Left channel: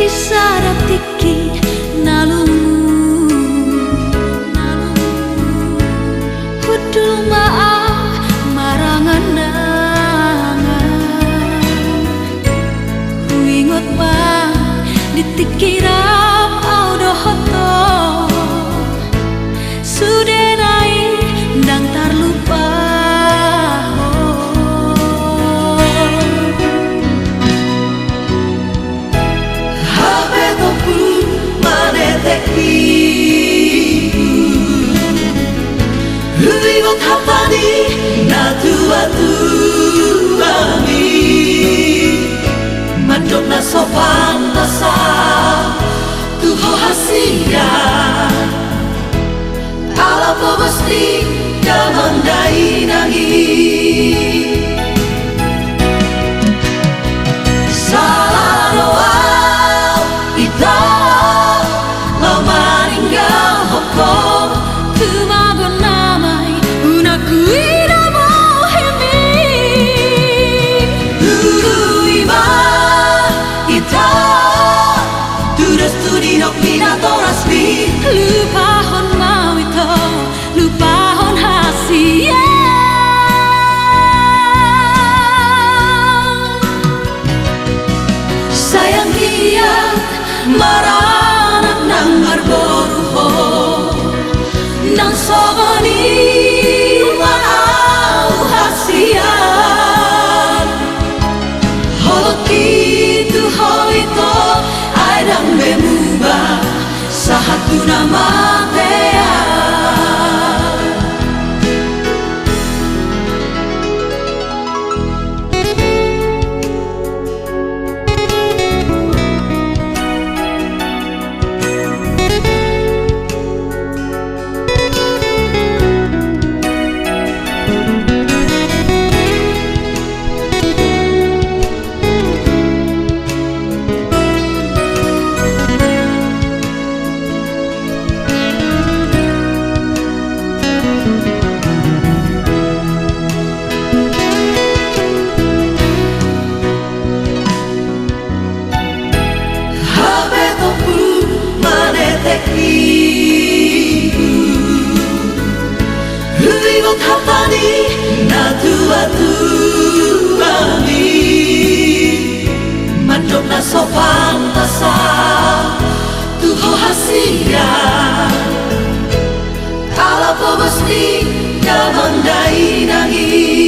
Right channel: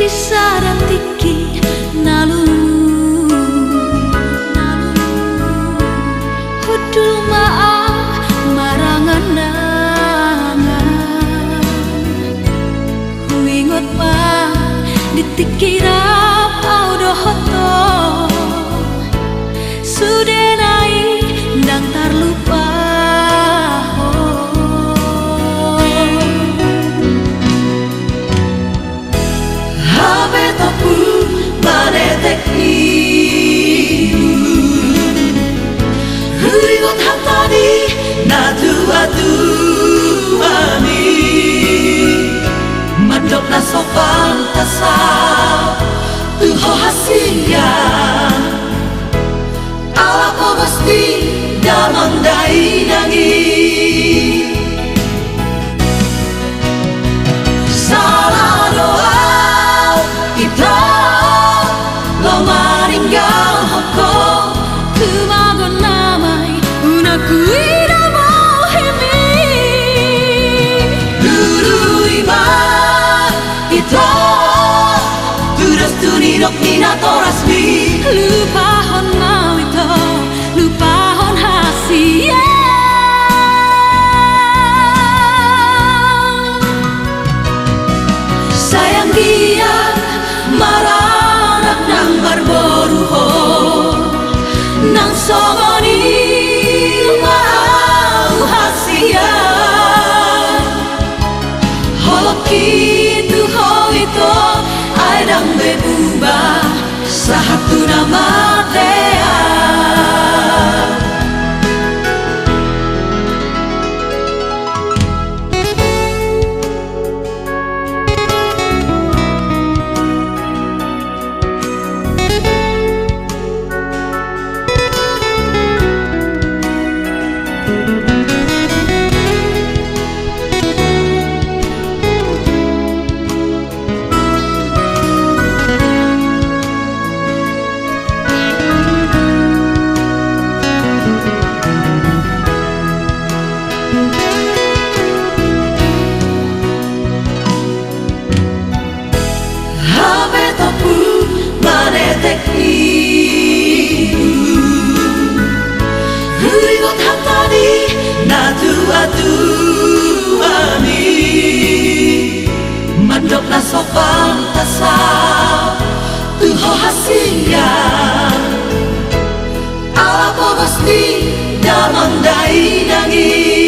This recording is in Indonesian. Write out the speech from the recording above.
Disarap tiki nalumu hudul maaf maranganangan huingot ma ditikirap audohoto sudenai ndang tarlupa. Sopan tasau tuho hasia ala ko mesti damang dai nangi salah doa ito lo maringgal hoko tumagon namay unakui lupahon mau ito, lupahon hasia. Sayang dia maranak nang barboruho nang sogoni mau hasia. Hoki tu ho ito ay dambe mubah satu nama dea. Mandok na sopan tasau tuho hasia ala po mesti damang dai nangi.